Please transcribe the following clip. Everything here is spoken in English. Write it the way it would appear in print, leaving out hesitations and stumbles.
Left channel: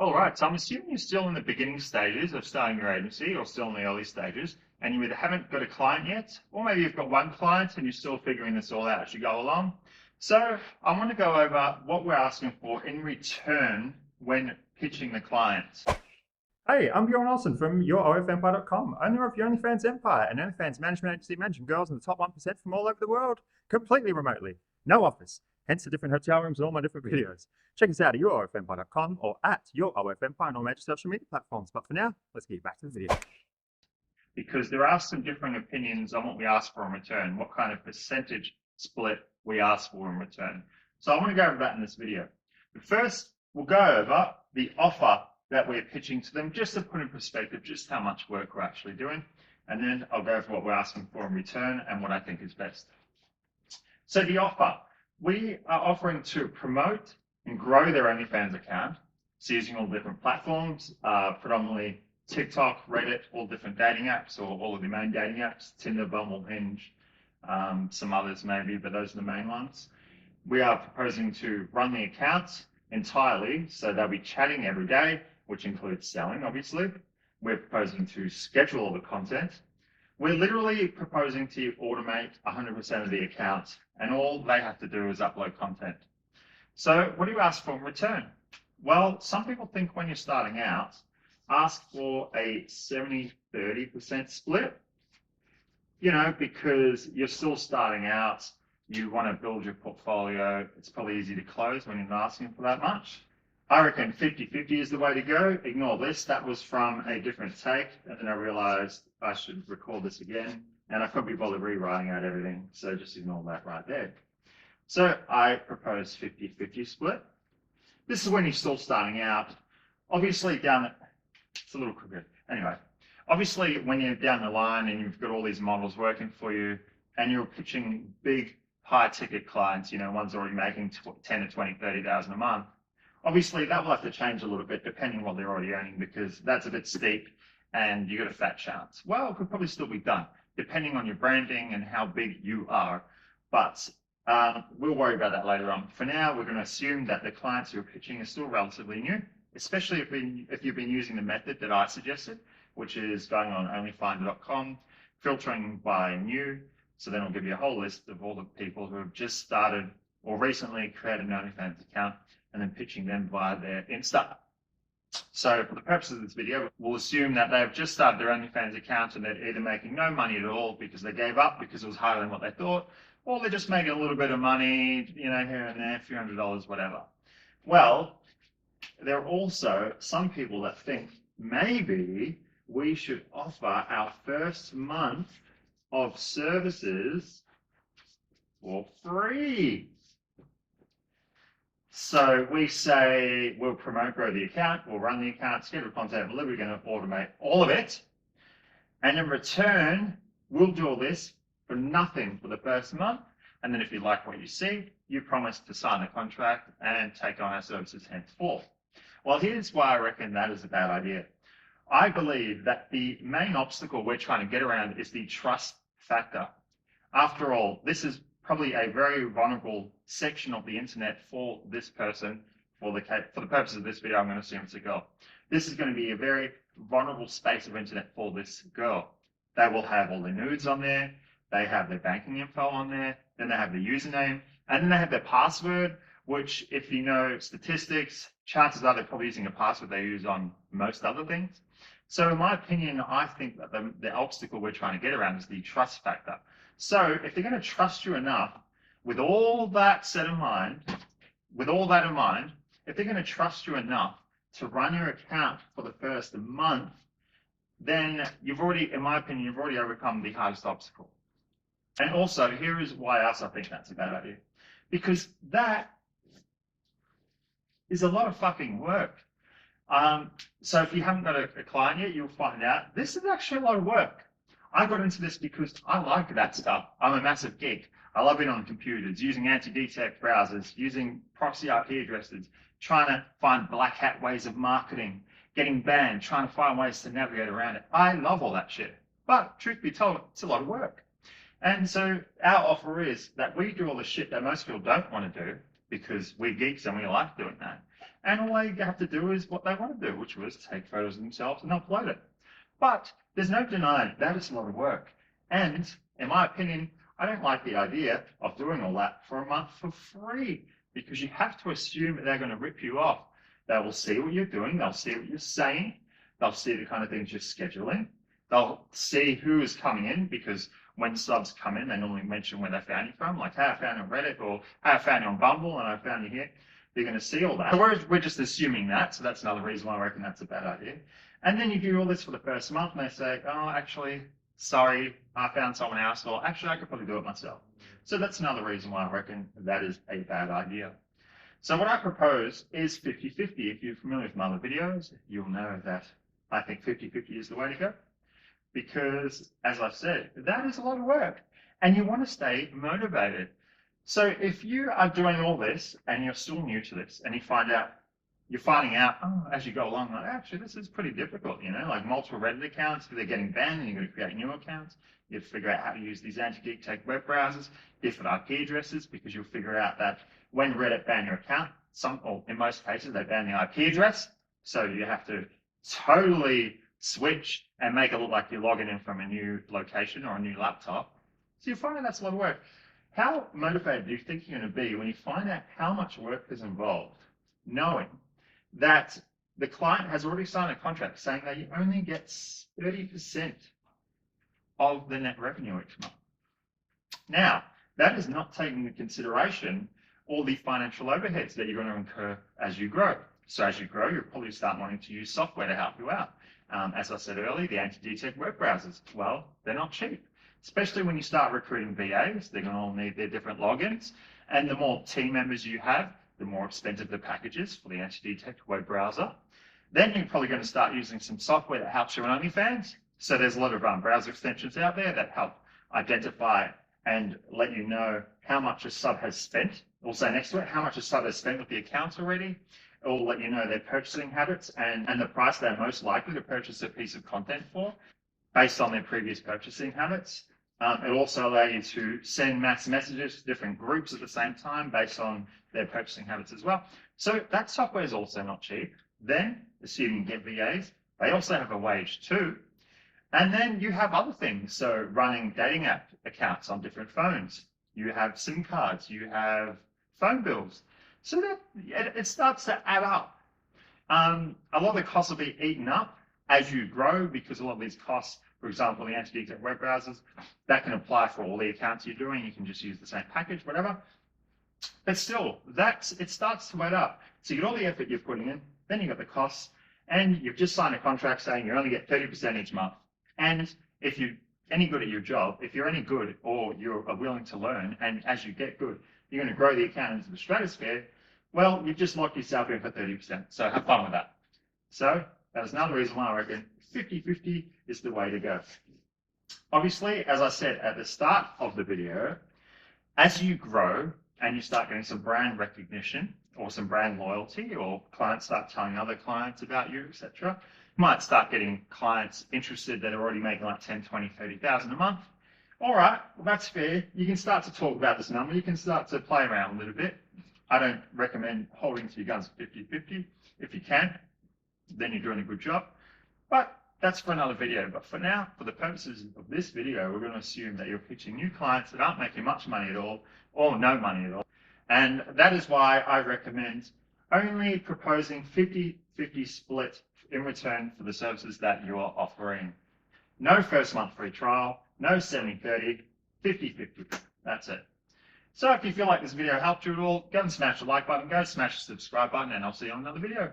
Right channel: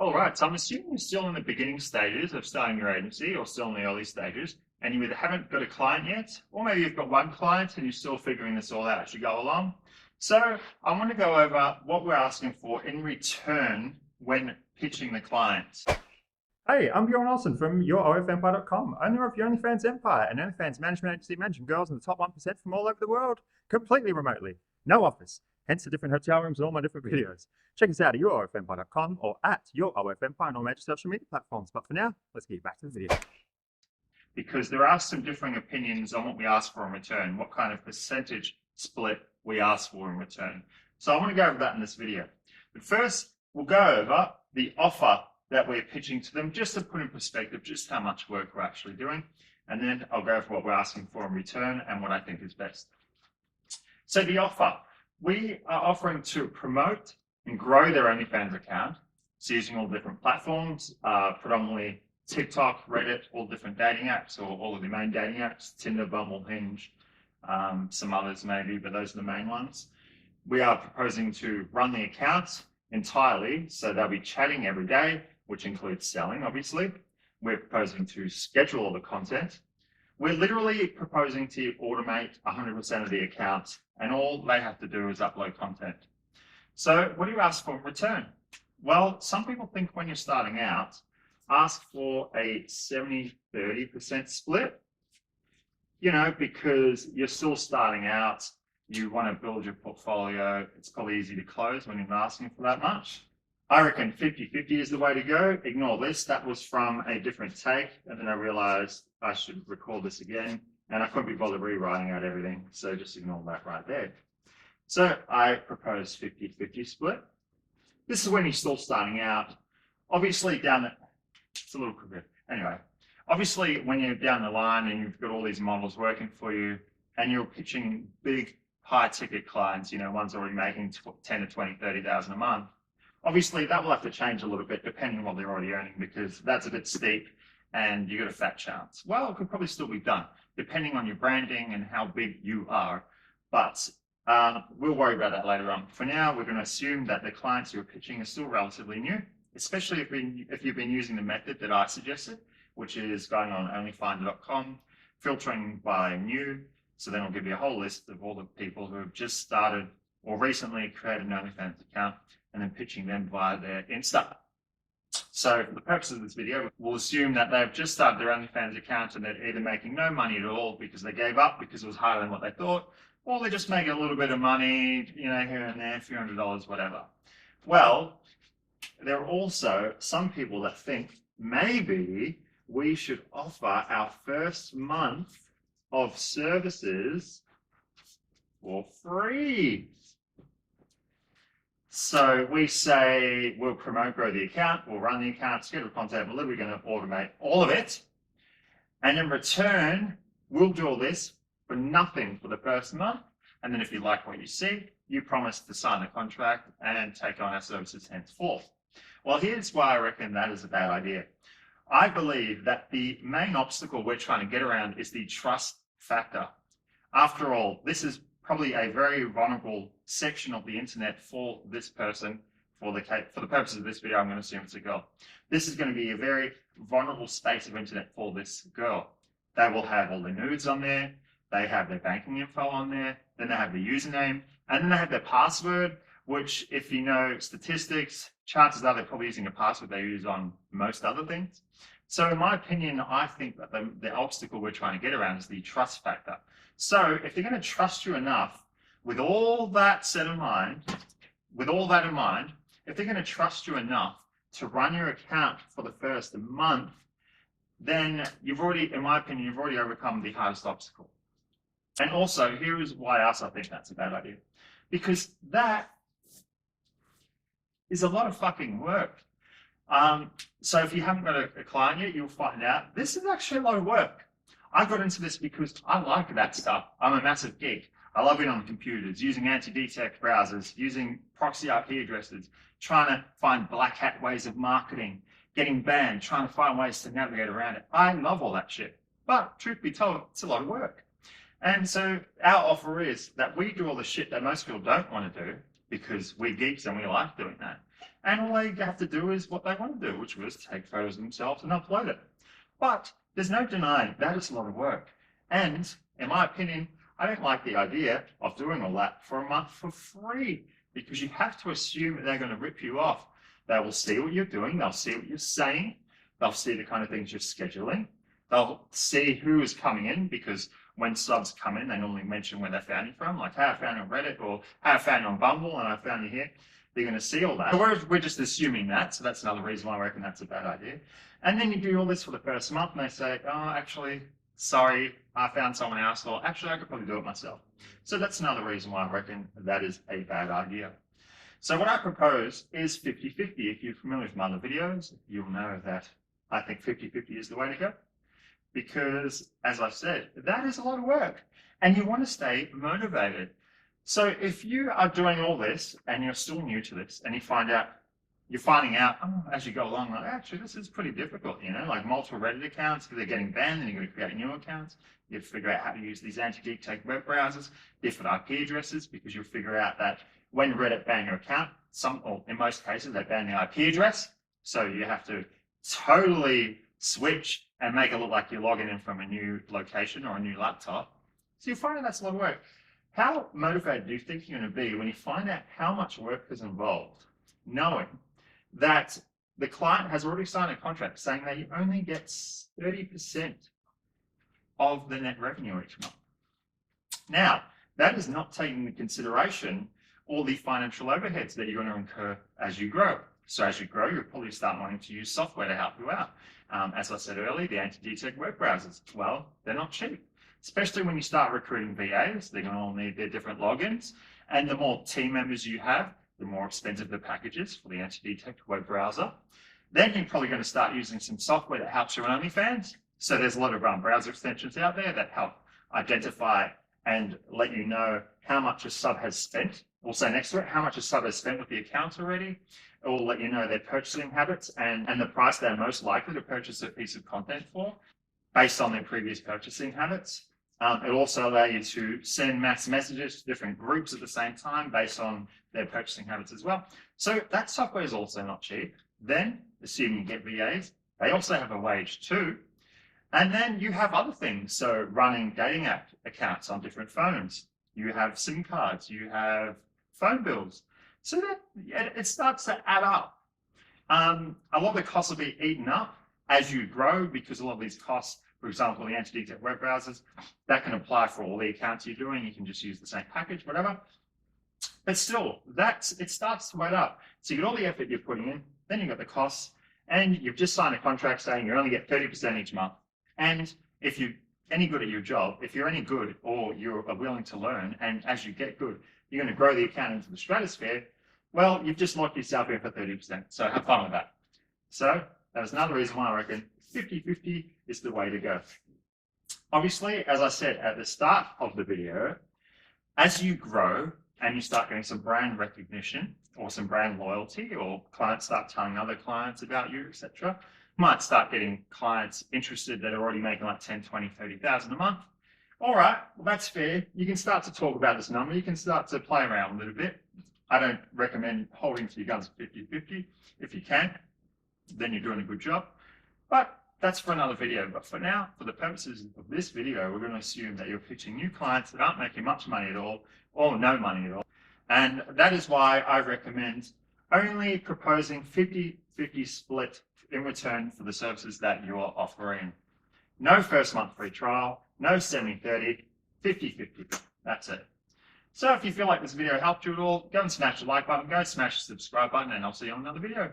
All right, so I'm assuming you're still in the beginning stages of starting your agency or still in the early stages, and you either haven't got a client yet, or maybe you've got one client and you're still figuring this all out as you go along. So I want to go over what we're asking for in return when pitching the clients. Hey, I'm Bjorn Olsen from YourOFEmpire.com, owner of the OnlyFans Empire, an OnlyFans management agency managing girls in the top 1% from all over the world, completely remotely. No office, hence the different hotel rooms and all my different videos. Check us out at YourOFEmpire.com or at YourOFEmpire on all major social media platforms. But for now, let's get back to the video. Because there are some differing opinions on what we ask for in return, what kind of percentage split we ask for in return. So I want to go over that in this video. But first, we'll go over the offer that we're pitching to them, just to put in perspective just how much work we're actually doing. And then I'll go over what we're asking for in return and what I think is best. So the offer, we are offering to promote and grow their OnlyFans account. So using all different platforms, predominantly TikTok, Reddit, all different dating apps, or all of the main dating apps, Tinder, Bumble, Hinge, some others maybe, but those are the main ones. We are proposing to run the account entirely, so they'll be chatting every day, which includes selling, obviously. We're proposing to schedule all the content. We're literally proposing to automate 100% of the accounts, and all they have to do is upload content. So what do you ask for in return? Well, some people think when you're starting out, ask for a 70-30% split, because you're still starting out, you want to build your portfolio. It's probably easy to close when you're not asking for that much. I reckon 50-50 is the way to go. Ignore this. That was from a different take. And then I realized I should record this again. And I couldn't be bothered rewriting out everything. So just ignore that right there. So I propose 50-50 split. This is when you're still starting out. Obviously it's a little crooked. Anyway, obviously when you're down the line and you've got all these models working for you and you're pitching big high ticket clients, one's already making 10 to 20, 30,000 a month. Obviously, that will have to change a little bit depending on what they're already earning, because that's a bit steep and you got a fat chance. Well, it could probably still be done depending on your branding and how big you are. But we'll worry about that later on. For now, we're going to assume that the clients you're pitching are still relatively new, especially if you've been using the method that I suggested, which is going on onlyfinder.com, filtering by new. So then it'll give you a whole list of all the people who have just started or recently created an OnlyFans account, and then pitching them via their Insta. So for the purposes of this video, we'll assume that they've just started their OnlyFans account and they're either making no money at all because they gave up because it was harder than what they thought, or they're just making a little bit of money, here and there, a few $100s, whatever. Well, there are also some people that think maybe we should offer our first month of services for free. So we say we'll promote, grow the account, we'll run the account, schedule content, we're going to automate all of it. And in return, we'll do all this for nothing for the first month. And then if you like what you see, you promise to sign a contract and take on our services henceforth. Well, here's why I reckon that is a bad idea. I believe that the main obstacle we're trying to get around is the trust factor. After all, this is probably a very vulnerable section of the internet for this person. For the purposes of this video, I'm going to assume it's a girl. This is going to be a very vulnerable space of internet for this girl. They will have all their nudes on there. They have their banking info on there. Then they have the username. And then they have their password, which, if you know statistics, chances are they're probably using a password they use on most other things. So in my opinion, I think that the obstacle we're trying to get around is the trust factor. So if they're going to trust you enough, with all that in mind, if they're going to trust you enough to run your account for the first month, then in my opinion, you've already overcome the hardest obstacle. And also, here is why else I think that's a bad idea. Because that is a lot of fucking work. So if you haven't got a client yet, you'll find out this is actually a lot of work. I got into this because I like that stuff. I'm a massive geek. I love it on computers, using anti-detect browsers, using proxy IP addresses, trying to find black hat ways of marketing, getting banned, trying to find ways to navigate around it. I love all that shit. But truth be told, it's a lot of work. And so our offer is that we do all the shit that most people don't want to do because we're geeks and we like doing that. And all they have to do is what they want to do, which was take photos of themselves and upload it. But there's no denying that is a lot of work. And in my opinion, I don't like the idea of doing all that for a month for free, because you have to assume that they're going to rip you off. They will see what you're doing. They'll see what you're saying. They'll see the kind of things you're scheduling. They'll see who is coming in, because when subs come in, they normally mention where they found you from, like, hey, I found you on Reddit, or hey, I found you on Bumble and I found you here. They're going to see all that. So we're just assuming that. So that's another reason why I reckon that's a bad idea. And then you do all this for the first month and they say, oh, actually, sorry, I found someone else, or actually, I could probably do it myself. So that's another reason why I reckon that is a bad idea. So what I propose is 50-50. If you're familiar with my other videos, you'll know that I think 50-50 is the way to go. Because, as I've said, that is a lot of work. And you want to stay motivated. So if you are doing all this and you're still new to this and you're finding out, oh, as you go along, like, actually, this is pretty difficult, you know, like multiple Reddit accounts, they're getting banned and you're going to create new accounts. You have to figure out how to use these anti-geek tech web browsers, different IP addresses, because you'll figure out that when Reddit ban your account, or in most cases, they ban the IP address. So you have to totally switch and make it look like you're logging in from a new location or a new laptop. So you find out that's a lot of work. How motivated do you think you're going to be when you find out how much work is involved, knowing that the client has already signed a contract saying that you only get 30% of the net revenue each month? Now, that is not taking into consideration all the financial overheads that you're going to incur as you grow. So as you grow, you'll probably start wanting to use software to help you out. As I said earlier, the anti-geek tech web browsers, well, they're not cheap. Especially when you start recruiting VAs, they're going to all need their different logins. And the more team members you have, the more expensive the package is for the anti-geek tech web browser. Then you're probably going to start using some software that helps you on OnlyFans. So there's a lot of browser extensions out there that help identify and let you know how much a sub has spent. Also next to it, how much a sub has spent with the accounts already. It will let you know their purchasing habits and the price they're most likely to purchase a piece of content for based on their previous purchasing habits. It'll also allow you to send mass messages to different groups at the same time based on their purchasing habits as well. So that software is also not cheap. Then, assuming you get VAs, they also have a wage too. And then you have other things. So running dating app accounts on different phones. You have SIM cards, you have phone bills. So that it starts to add up. A lot of the costs will be eaten up as you grow, because a lot of these costs, for example, the anti-geek tech web browsers, that can apply for all the accounts you're doing. You can just use the same package, whatever. But still, it starts to add up. So you get all the effort you're putting in, then you've got the costs, and you've just signed a contract saying you only get 30% each month. And if you're any good at your job, if you're any good or you're willing to learn, and as you get good, you're going to grow the account into the stratosphere, well, you've just locked yourself in for 30%. So have fun with that. So that is another reason why I reckon 50-50 is the way to go. Obviously, as I said at the start of the video, as you grow and you start getting some brand recognition or some brand loyalty, or clients start telling other clients about you, etc., you might start getting clients interested that are already making like 10, 20, 30,000 a month. All right, well, that's fair. You can start to talk about this number. You can start to play around a little bit. I don't recommend holding to your guns 50-50. If you can, then you're doing a good job. But that's for another video. But for now, for the purposes of this video, we're going to assume that you're pitching new clients that aren't making much money at all, or no money at all. And that is why I recommend only proposing 50-50 split in return for the services that you are offering. No first month free trial, no 70-30, 50-50. That's it. So if you feel like this video helped you at all, go and smash the like button, go smash the subscribe button, and I'll see you on another video.